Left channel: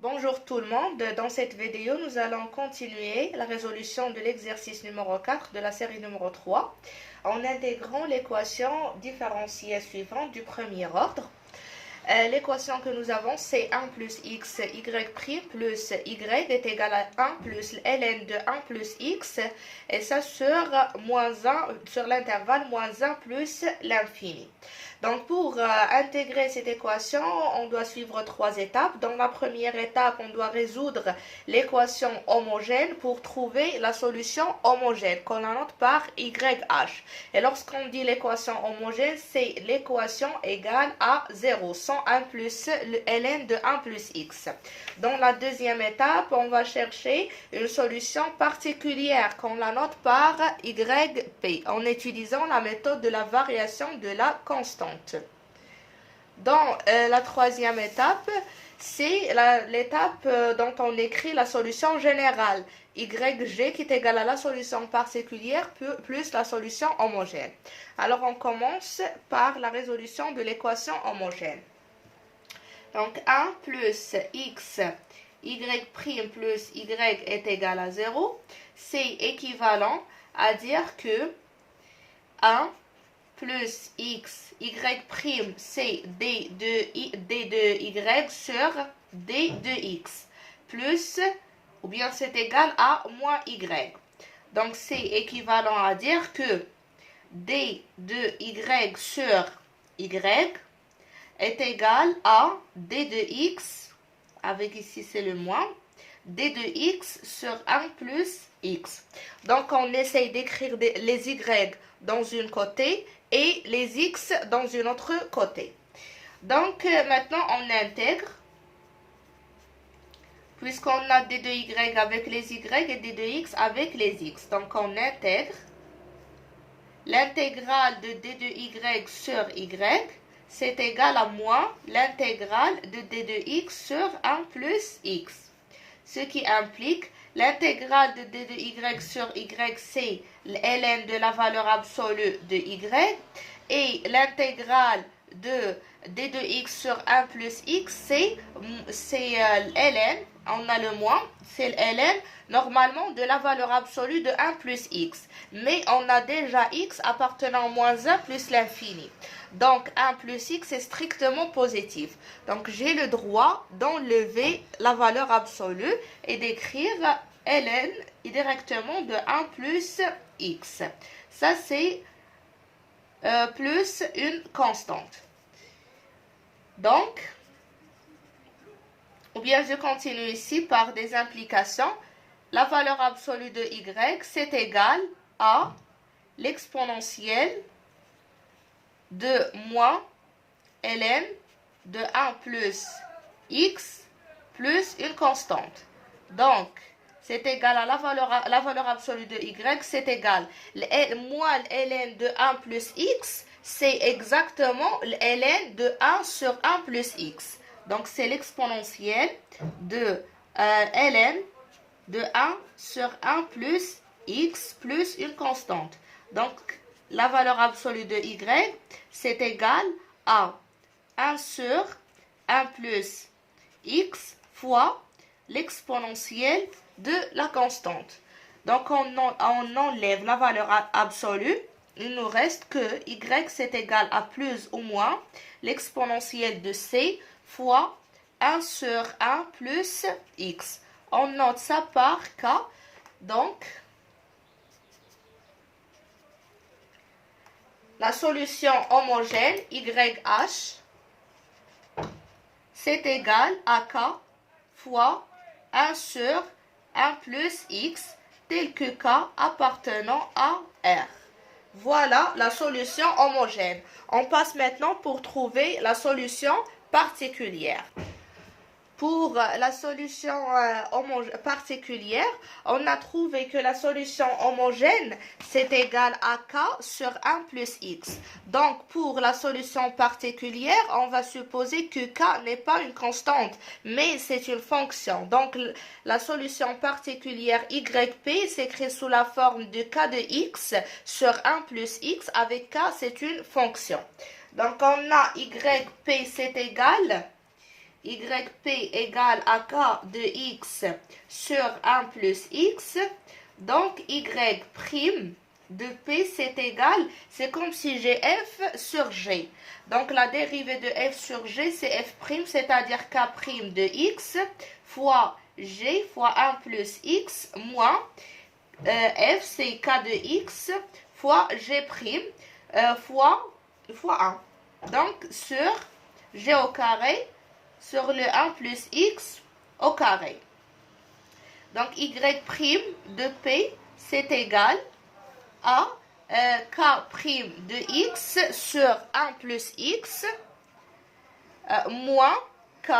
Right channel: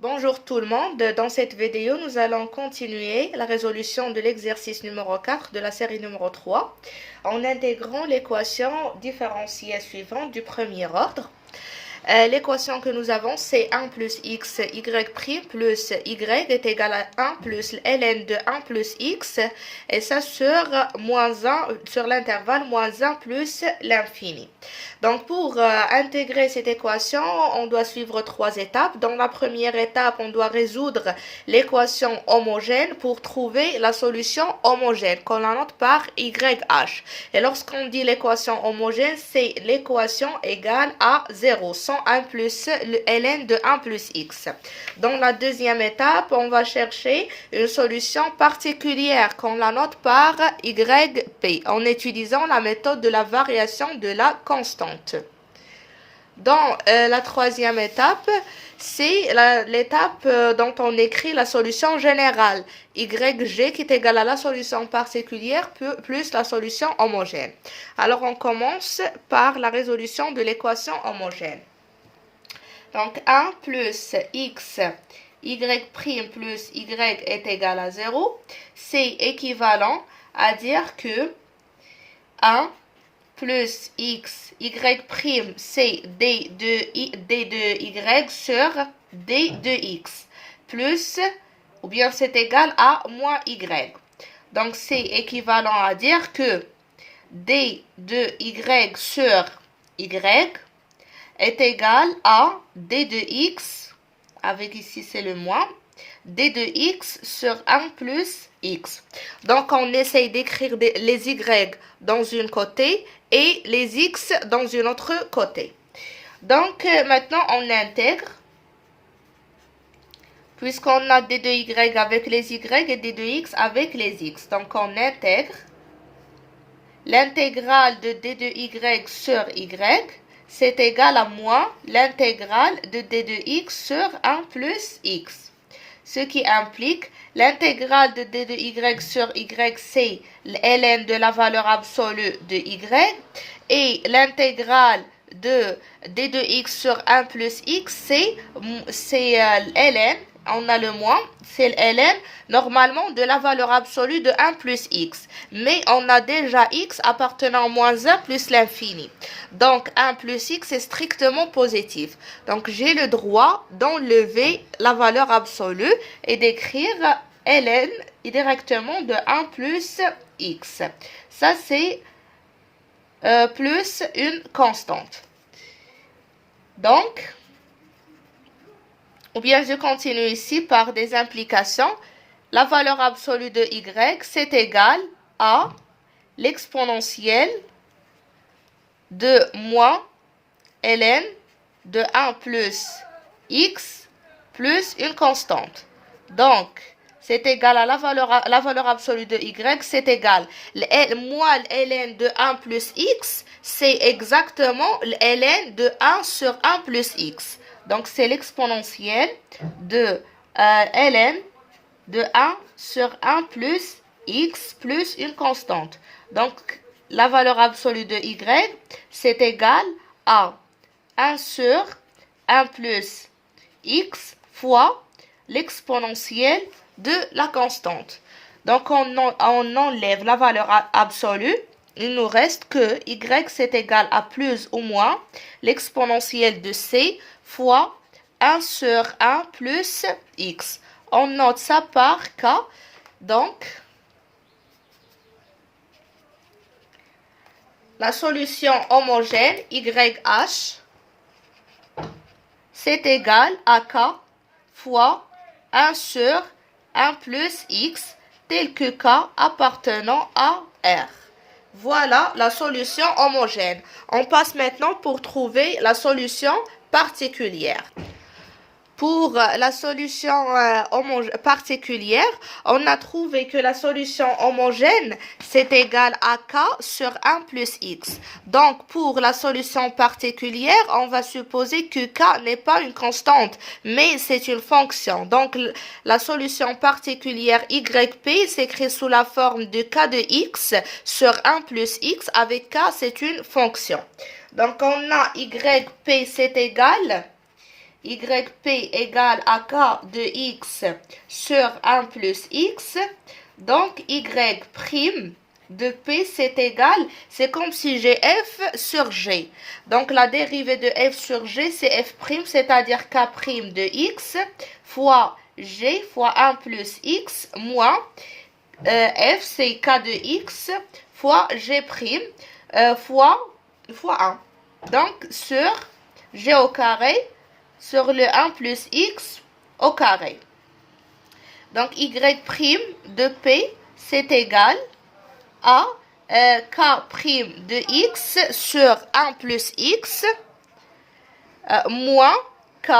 Bonjour tout le monde, dans cette vidéo nous allons continuer la résolution de l'exercice numéro 4 de la série numéro 3 en intégrant l'équation différentielle suivante du premier ordre. L'équation que nous avons, c'est 1 plus x y' plus y est égal à 1 plus ln de 1 plus x, et ça sur l'intervalle moins 1 plus l'infini. Donc pour intégrer cette équation, on doit suivre trois étapes. Dans la première étape, on doit résoudre l'équation homogène pour trouver la solution homogène qu'on la note par YH. Et lorsqu'on dit l'équation homogène, c'est l'équation égale à 0, sans 1 plus le ln de 1 plus x. Dans la deuxième étape, on va chercher une solution particulière qu'on la note par YP en utilisant la méthode de la variation de la constante. Dans la troisième étape, c'est l'étape dont on écrit la solution générale, YG qui est égale à la solution particulière plus la solution homogène. Alors on commence par la résolution de l'équation homogène. Donc 1 plus x y' plus y est égal à 0, c'est équivalent à dire que 1 plus x y' c'est d de y sur d de x plus, ou bien c'est égal à moins y. Donc c'est équivalent à dire que d de y sur y est égal à d de x, avec ici c'est le moins, d de x sur 1 plus x. Donc on essaye d'écrire les y dans une côté et les x dans une autre côté. Donc maintenant on intègre, puisqu'on a d de y avec les y et d de x avec les x. Donc on intègre l'intégrale de d de y sur y, c'est égal à moins l'intégrale de d de x sur 1 plus x. Ce qui implique l'intégrale de d de y sur y, c'est ln de la valeur absolue de y, et l'intégrale de d de x sur 1 plus x, c'est ln, on a le moins, c'est ln normalement de la valeur absolue de 1 plus x. Mais on a déjà x appartenant à moins 1 plus l'infini. Donc 1 plus x est strictement positif. Donc j'ai le droit d'enlever la valeur absolue et d'écrire ln directement de 1 plus x. Ça c'est plus une constante. Donc, ou bien je continue ici par des implications. La valeur absolue de y, c'est égal à l'exponentielle de moins ln de 1 plus x plus une constante. Donc, c'est égal à la valeur absolue de y, c'est égal moins ln de 1 plus x, c'est exactement ln de 1 sur 1 plus x. Donc, c'est l'exponentielle de ln de 1 sur 1 plus x plus une constante. Donc, la valeur absolue de y, c'est égal à 1 sur 1 plus x fois l'exponentielle de la constante. Donc, on enlève la valeur absolue. Il nous reste que y, c'est égal à plus ou moins l'exponentielle de c fois 1 sur 1 plus x. On note ça par k. Donc, la solution homogène YH, c'est égal à k fois 1 sur 1 plus x, tel que k appartenant à R. Voilà la solution homogène. On passe maintenant pour trouver la solution particulière. Pour la solution particulière, on a trouvé que la solution homogène, c'est égal à k sur 1 plus x. Donc, pour la solution particulière, on va supposer que k n'est pas une constante, mais c'est une fonction. Donc, la solution particulière yp s'écrit sous la forme de k de x sur 1 plus x. Avec k, c'est une fonction. Donc, on a yp, c'est égal yp égale à k de x sur 1 plus x. Donc, y' de p, c'est égal, c'est comme si j'ai f sur g. Donc, la dérivée de f sur g, c'est f', c'est-à-dire k' de x fois g fois 1 plus x moins f, c'est k de x fois g' fois 1. Donc, sur g au carré sur le 1 plus x au carré. Donc, y' de p, c'est égal à k' de x sur 1 plus x moins k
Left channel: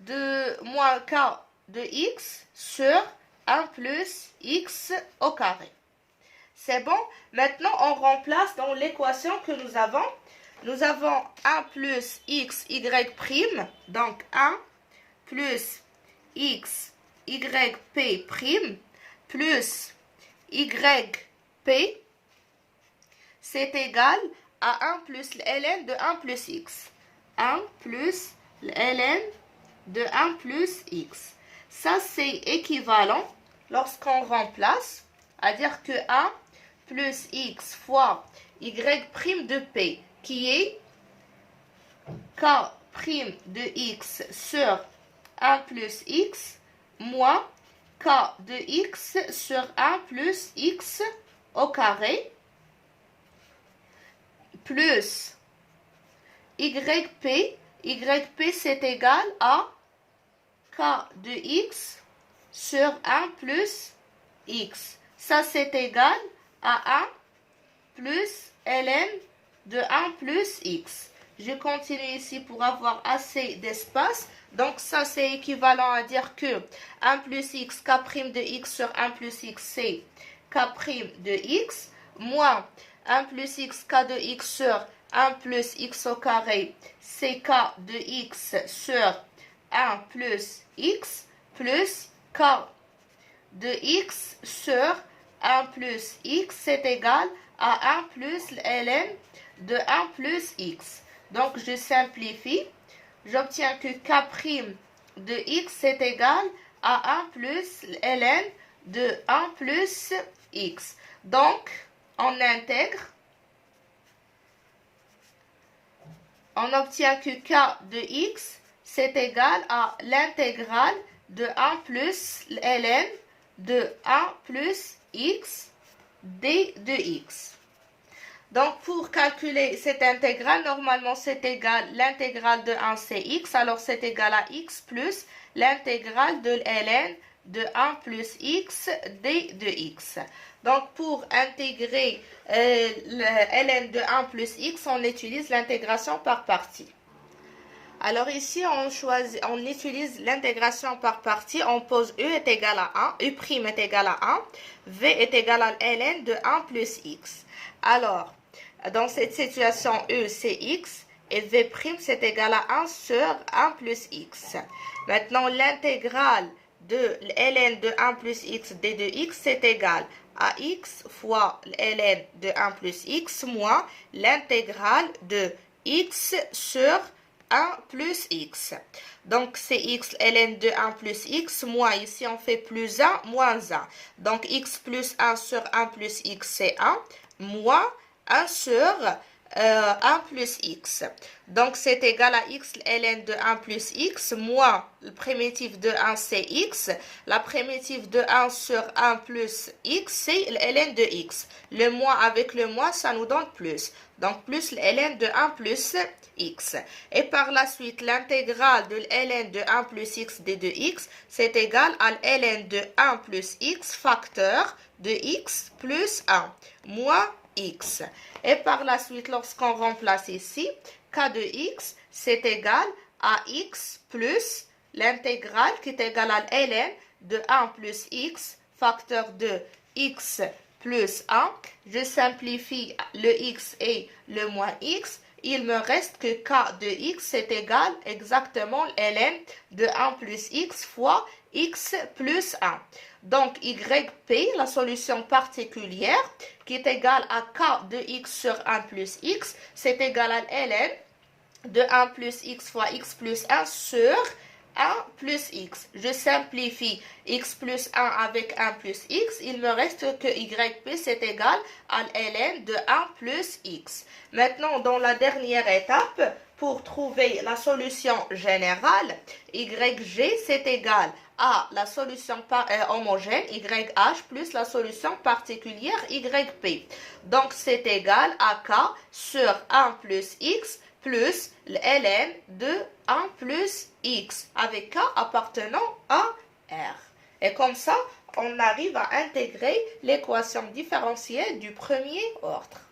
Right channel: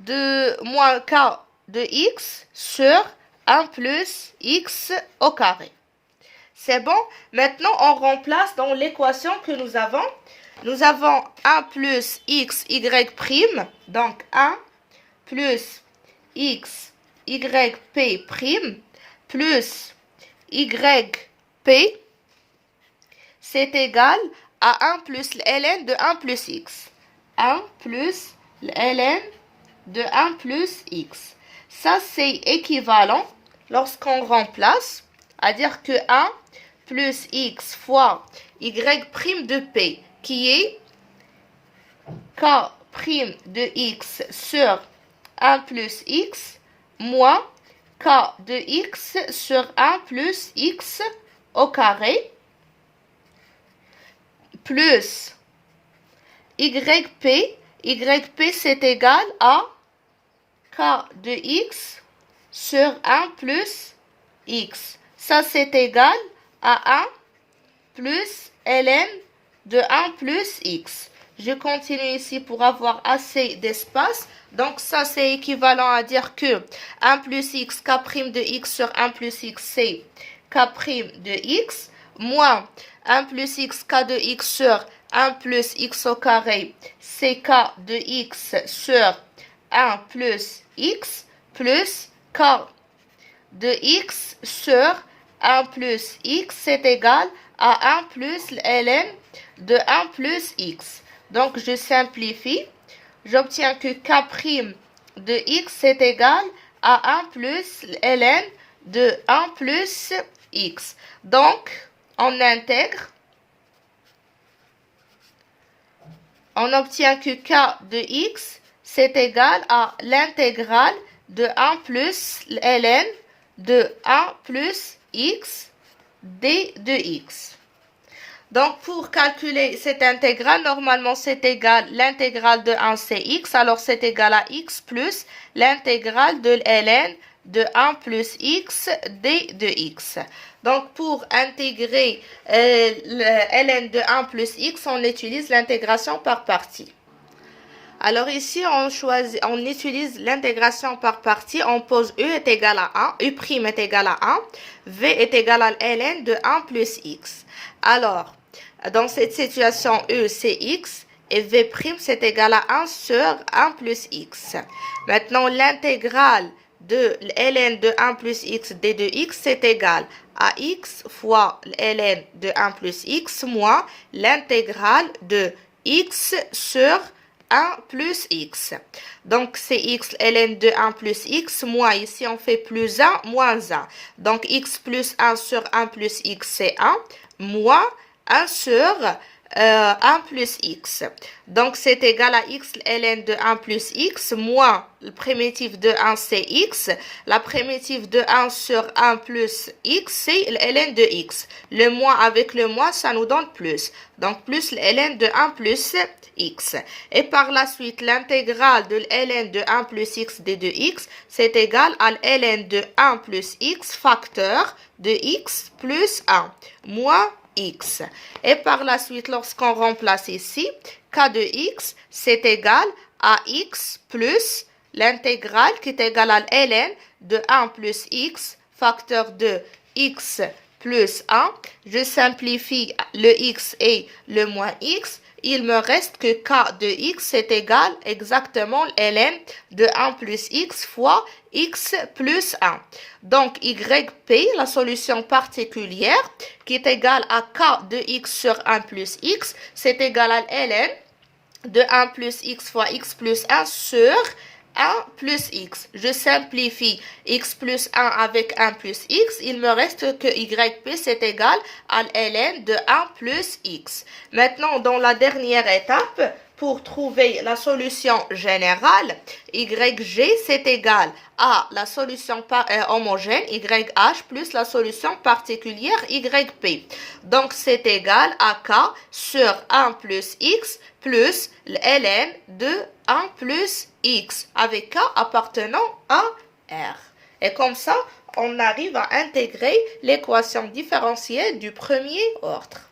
de x sur 1 plus x au carré. C'est bon? Maintenant, on remplace dans l'équation que nous avons. Nous avons 1 plus x, y', donc 1 plus x, yp', plus yp, c'est égal à 1 plus ln de 1 plus x. 1 plus ln de 1 plus x. Ça, c'est équivalent lorsqu'on remplace, à dire que 1 plus x fois y' de p, qui est k' de x sur 1 plus x, moins k de x sur 1 plus x au carré, plus yp, c'est égal à k de x sur 1 plus x. Ça, c'est égal à 1 plus ln de 1 plus x. Je continue ici pour avoir assez d'espace. Donc, ça, c'est équivalent à dire que 1 plus x, k' de x sur 1 plus x, c'est k' de x, moins 1 plus x, k de x sur 1 plus x au carré, c'est k de x sur 1 plus x, plus k de x sur 1 plus x, c'est égal à 1 plus ln de 1 plus x. Donc, je simplifie. J'obtiens que k' de x est égal à 1 plus ln de 1 plus x. Donc, on intègre. On obtient que k de x, c'est égal à l'intégrale de 1 plus ln de 1 plus x d de x. Donc, pour calculer cette intégrale, normalement, c'est égal l'intégrale de 1, c'est x. Alors, c'est égal à x plus l'intégrale de ln de 1 plus x d de x. Donc, pour intégrer ln de 1 plus x, on utilise l'intégration par partie. Alors ici, on utilise l'intégration par partie. On pose e est égal à 1, u' est égal à 1, v est égal à ln de 1 plus x. Alors, dans cette situation, e c'est x et v' c'est égal à 1 sur 1 plus x. Maintenant, l'intégrale de ln de 1 plus x d de x, c'est égal à x fois ln de 1 plus x moins l'intégrale de x sur 1 plus x. Donc, c'est x ln de 1 plus x moins, ici on fait plus 1 moins 1. Donc, x plus 1 sur 1 plus x, c'est 1, moins 1 sur 1 plus x. Donc, c'est égal à x ln de 1 plus x moins le primitif de 1, c'est x. La primitive de 1 sur 1 plus x, c'est ln de x. Le moins avec le moins, ça nous donne plus. Donc, plus ln de 1 plus x. Et par la suite, l'intégrale de ln de 1 plus x d de x, c'est égal à ln de 1 plus x facteur de x plus 1 moins x. Et par la suite, lorsqu'on remplace ici, k de x, c'est égal à x plus l'intégrale qui est égale à ln de 1 plus x facteur de x plus 1. Je simplifie le x et le moins x. Il me reste que k de x est égal exactement ln de 1 plus x fois x plus 1. Donc, yp, la solution particulière, qui est égale à k de x sur 1 plus x, c'est égal à ln de 1 plus x fois x plus 1 sur 1 plus x. Je simplifie x plus 1 avec 1 plus x. Il me reste que yp c'est égal à ln de 1 plus x. Maintenant, dans la dernière étape, pour trouver la solution générale, yg c'est égal à la solution homogène yh plus la solution particulière yp. Donc, c'est égal à k sur 1 plus x plus ln de 1 plus x avec k appartenant à R. Et comme ça, on arrive à intégrer l'équation différentielle du premier ordre.